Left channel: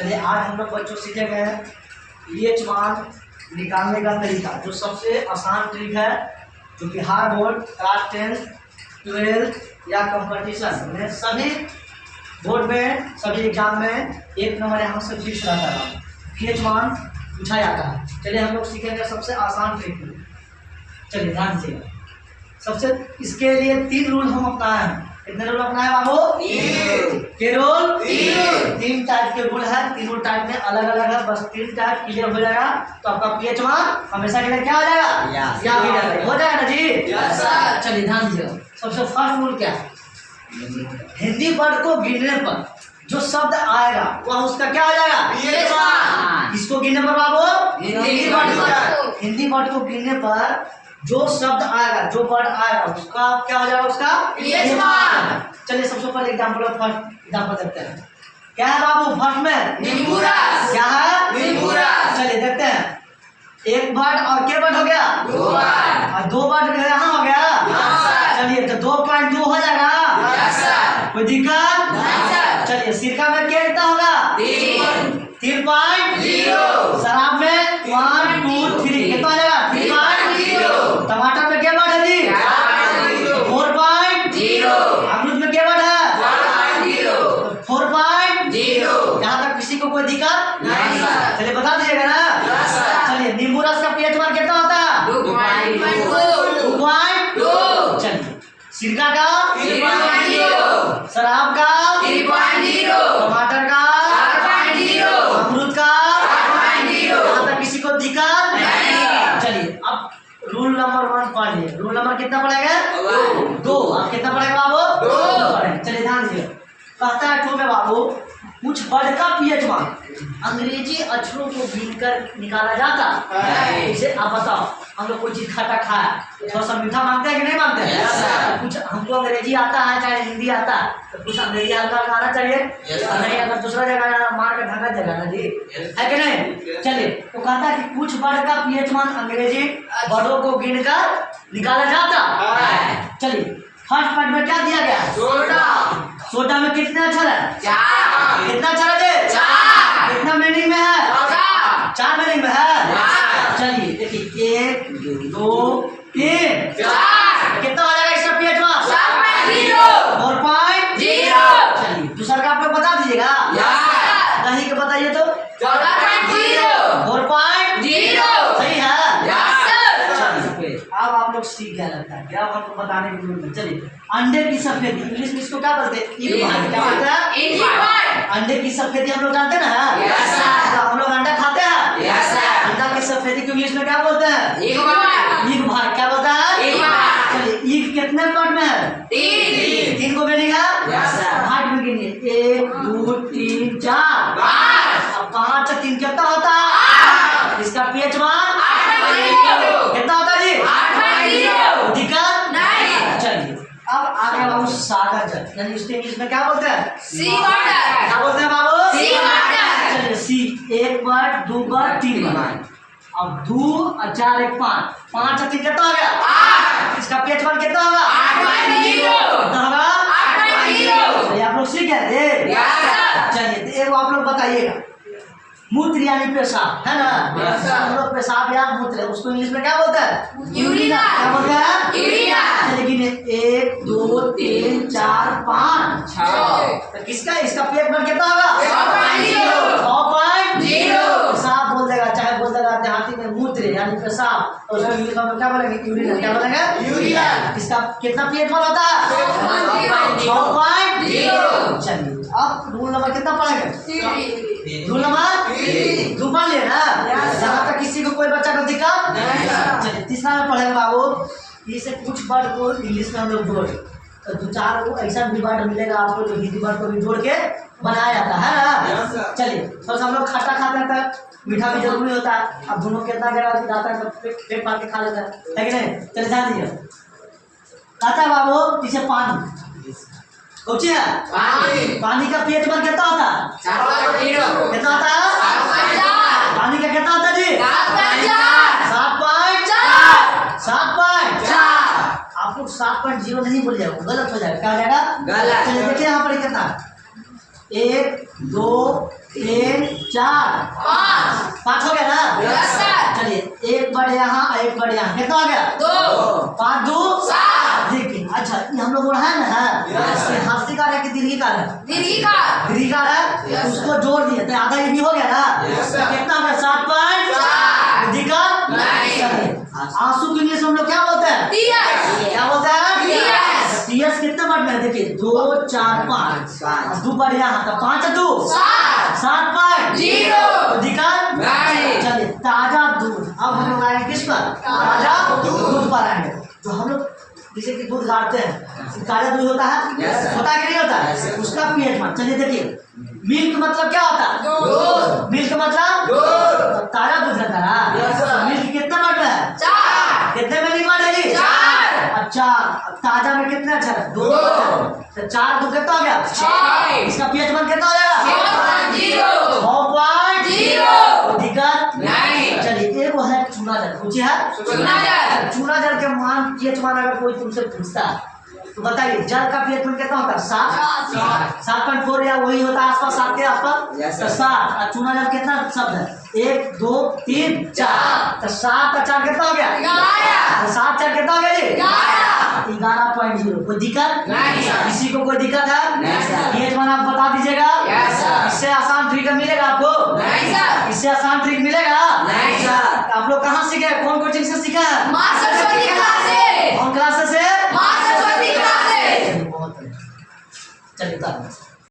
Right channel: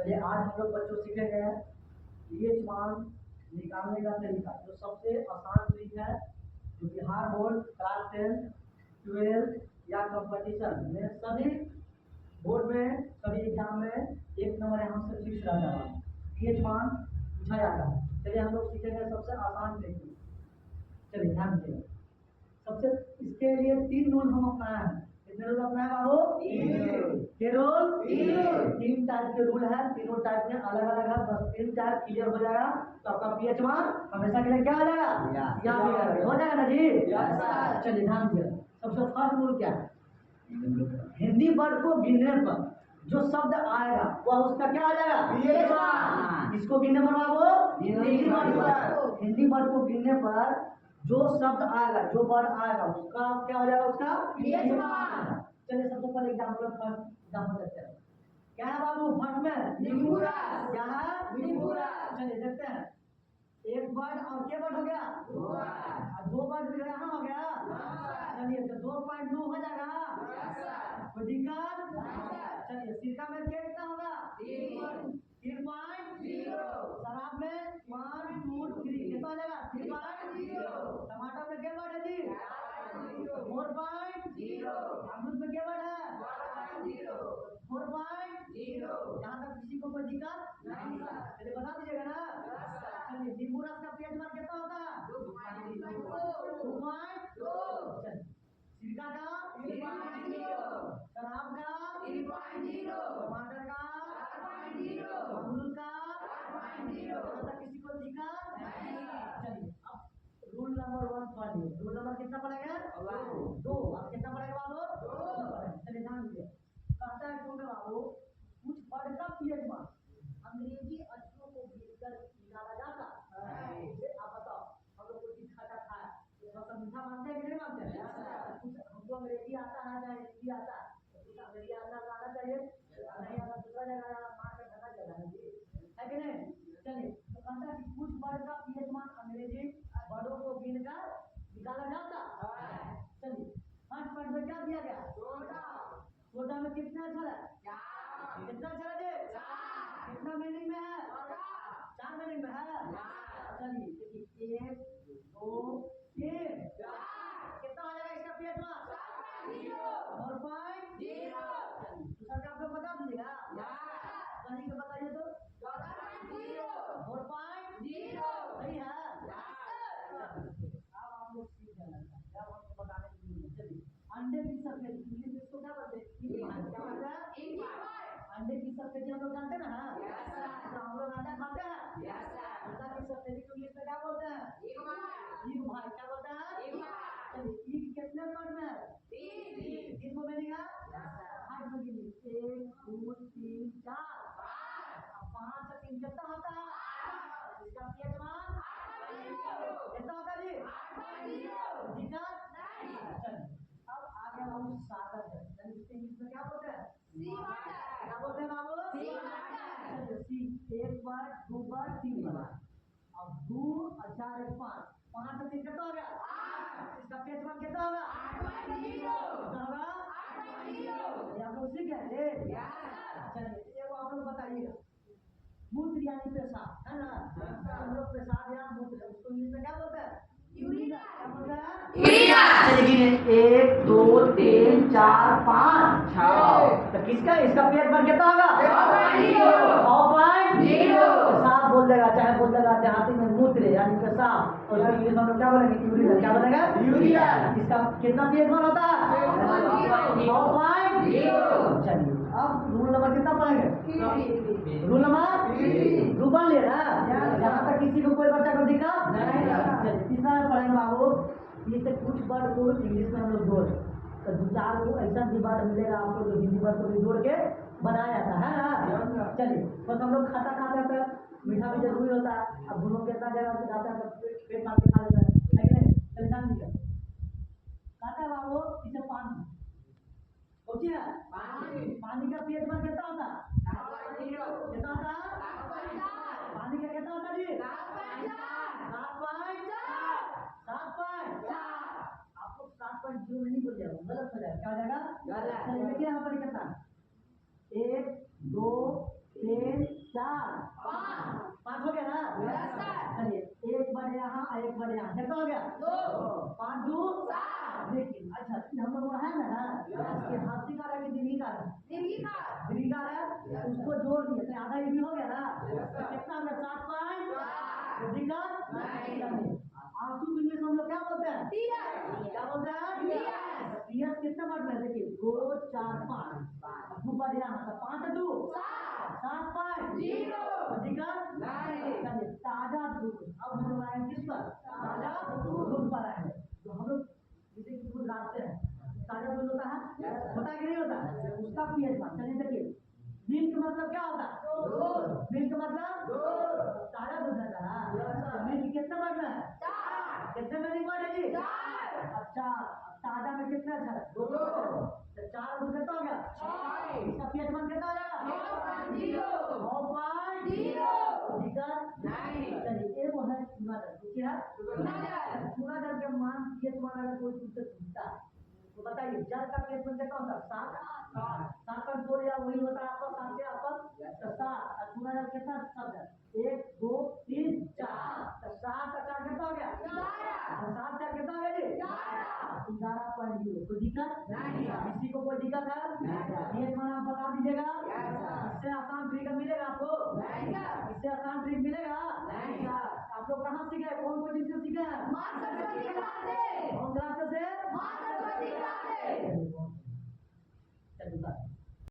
चलिए आज हम लोग बच्चों सीखेंगे पीएच मान निकालने का तरीका, जो सबसे आसान ट्रिक है, जो बिहार बोर्ड क्लास 10, 12 या कंपटीशन में सभी बोर्ड में सभी एग्जाम में 1 नंबर यहाँ से फिक्स रहता है, पीएच मान पूछा जाता है। चलिए हम लोग सीखेंगे सबसे आसान ट्रिक। चलिए ध्यान दीजिएगा। सबसे इसके लिए 3 रूल हम अपनाए हैं। कितने रूल अपनाए बाबू? 3 रूल। 3 टाइप के रूल है, तीनों टाइप में अलग अलग है। बस 3 टाइप क्लियर हो जाएगा तो आपका पीएच मान हमेशा के लिए क्या हो जाएगा? हो जाएगा ना जी? Yes sir. चलिए ध्यान दीजिएगा। सबसे फर्स्ट रूल क्या है? हिंदी वर्ड को गिनने पर जो शब्द आएगा वह उसका क्या हो जाएगा? पीएच मान। इसको गिनने पर बाबू हिंदी वर्ड को गिनने पर जो शब्द आएगा, जो वर्ड आएगा उसका क्या हो जाएगा? उसका पीएच मान। चलिए सबसे पहले एग्जांपल फर्स्ट एग्जांपल देखते हैं। क्या है बाबू फर्स्ट में? निम्बुरस। क्या है? निम्बुरस। चलिए देखते हैं। एक वर्ड और क्या वर्ड हो गया? 2 वर्ड। और 2 वर्ड यहाँ हो गया? चलिए तो 2.2 हो जाएगा? कोई दिक्कत नहीं। चलिए सिरका में क्या कितना होगा? 3.0। शराब में 1 2 3 कितना हो जाएगा? 3.0। टमाटर में क्या वर्ड है जी? 4.0। अमरूद में क्या वर्ड है? 4.0। यहाँ तक किसी को कोई दिक्कत नहीं? चलिए बता दीजिएगा ना। चलिए नींबू रस का पीएच मान कितना होता है? 2.2। चलिए सिरका का 3.0, शराब का 3.0, टमाटर का 4.0, अमरूद का 4.0। यहाँ तक किसी को दिक्कत नहीं? चलिए अब रूल नंबर 1 पढ़िए। रूल नंबर कितना पड़ेगा? 2। अब कितना पड़ेगा बाबू? 2। चलिए ध्यान दीजिए। कहता है 2 में बाबू कुछ वर्ड का पीएच मान अंग्रेजी अक्षरों को गिनकर निकाला जाता है। इसे आप बताओ, हम लोग कोई चीज खट्टा खाया थोड़ा सा मीठा मांगते हैं कि नहीं मांगते हैं? कुछ हमको अंग्रेजी आता है चाहे हिंदी आता है तो कुछ अंग्रेजी हल्का आना चाहिए। नहीं अगर दूसरा जगह मार के ढंगा जगह ना जी, है कि नहीं? चलिए तो कहता है कि कुछ वर्ड का पीएच मान अंग्रेजी वर्डों को गिनकर निकाला जाता है। चलिए फर्स्ट पार्ट में क्या दिया गया? सोडा। सोडा में कितने अक्षर है? 4। कितना अक्षर है? 4। कितना मीनिंग में है? 4 मीनिंग में है। चलिए देखिए 1 2 3 4 कितना हो जाएगा इसका पीएच मान? 4.0। चलिए दूसरा का आप लोग बता दीजिएगा। कहीं के बताइए तो 4.0 सही है। अब आप लोग सीख गया लगता है। क्या आपको बताने की जरूरत है? चलिए अंडे की सफेदी इंग्लिश में इसको क्या बोलते हैं? क्या बोलते हैं? अंडे की सफेदी हम लोग जानते हैं ना? हम लोग अंडा खाते हैं। अंडा की सफेदी को इंग्लिश में क्या बोलते हैं? ईग भाग। क्या बोलता है? चलिए ईग कितने पार्ट में है? 3 को गिनेगा? भाग में गिनिए 1 2 3 4 5। अब 5 3 कितना होता है? इसका पीएच मान कितना होता है जी? 8.0। दिक्कत नहीं। चलिए अब आगे बाबू सागर जल, यानी इसको इंग्लिश में क्या बोलते हैं? सी वाटर। क्या बोलते हैं बाबू? सी वाटर। चलिए सी 1 वर्ड 2 वर्ड 3 वर्ड। अब 2 और 4 1 5 5 और 3 कितना हो गया? 8। इसका पीएच मान कितना होगा? 8.0। कितना होगा? 8.0। चलिए आप लोग सीख गए? चलिए एक आप लोग बताइएगा। मूत्र यानी पेशाब है ना? हम लोग पेशाब या मूत्र उसको इंग्लिश में क्या बोलते हैं? यूरिन। क्या बोलते हैं? यूरिन। लेकिन 1 2 3 4 5 6 तो किसका इसका पीएच मान कितना होगा? 6.0। पेशाब बोल देगा, चाहे बोल देगा देहाती में मूत्र यानी पेशाब, और उसको इंग्लिश में क्या बोलेंगे? यूरिन। क्या बोलेंगे? यूरिन। इसका कितना पीएच मान होता है? 6.0। चलिए अब रूल नंबर कितना पढ़ेंगे? रूल नंबर 2 पढ़ लिए ना? यहाँ तक किसी को कोई बच्चा को दिक्कत नहीं? चलिए तीसरा में पढ़ेंगे बाबू। इसे कुछ वर्ड को इंग्लिश में हम लोग जोड़ तो 2-4 को ऐसा भी वर्ड मिलेगा आपको जो हिंदी वर्ड को भी जोड़ के बनाया जाता है ना? चलिए थोड़ा हम लोग खट्टा खाते हैं तो मीठा भी जरूरी होता है। अब दोनों कितना जगह जाता है तो पेट मार के खा लेता है, लेकिन नहीं? चलिए ध्यान दीजिए। कहता है बाबू पीछे पानी कौची है? पानी का पीएच मान कितना होता है? 4.0। कितना होता है? पानी का कितना होता है जी? 7.4। आप लोग 7.0 नहीं बोल जाएगा, गलत हो जाएगा। क्या हो जाएगा? गलत। चलिए देखिए यहाँ पर कितना 1 2 3 यस सर। चलिए एक बढ़ यहाँ एक बढ़ यहाँ, कितना हो गया? 2 5 2 7 देखिए। अच्छा ये हम लोग बोल है ना है हास्यकार है कि दीर्घिकार है? दीर्घिकार दीर्घिकार है, Yes, उसको जोड़ दिए तो आधा ये भी हो गया ना। Yes, sir. कितना हो गया? 7.4 दीर्घिकार नहीं। आंसू के लिए हम लोग क्या बोलते हैं? टीएस क्या बोलते हैं? टीएस टीएस कितने बढ़ में है? देखिए 2 4 5 2 बढ़ यहाँ तो 5 2 7 7.0 अधिकार नहीं। चलिए ताजा दूध। अब हम लोग आएंगे किस पर? ताजा दूध पर आएंगे। जो हम लोग जैसे कि दूध गाड़ते हैं, ताजा दूध होता है, होता है कि नहीं होता है? उसका पीएच मान चलिए देखिए। मिल्क मतलब क्या होता है? दूध। मिल्क मतलब दूध। ताजा दूध रहता है। मिल्क कितना बढ़ रहा है? 4 कितने में बढ़ेगी? 4 अच्छा ताजा में कितना अच्छा है? 2 तो 4 दूध कितना हो गया? 6 इसका पीएच मान कितना हो जाएगा? 6.0 6.0 दिक्कत नहीं। चलिए एक वो है चूना जल, पूछिए है चूना जल। चूना जल के मान पीएच मान अगर कोई तुमसे पूछता है तो बताइए जल का पीएच मान कितना होता है? 7.4 या वही होता है आसपास 7 के आसपास। तो 7 और चूना जल कितना शब्द है? 1 2 3 4 तो 7 का 4 कितना हो गया? 11 7 4 कितना हो गया जी? 11 कोई दिक्कत नहीं सर। किसी को कोई दिक्कत है? नहीं सर। पीएच मान आप बता दीजिएगा। Yes sir. इससे आसान ट्रिक मिलेगा आपको? नहीं सर। इससे आसान ट्रिक मिलेगा? नहीं सर। आप लोग कहाँ सीखे? कौन कोचिंग से सीखा है? माँ सरस्वती क्लास से। कौन क्लास से? माँ सरस्वती क्लास से। चलिए बहुत बढ़िया। चलिए उतारो।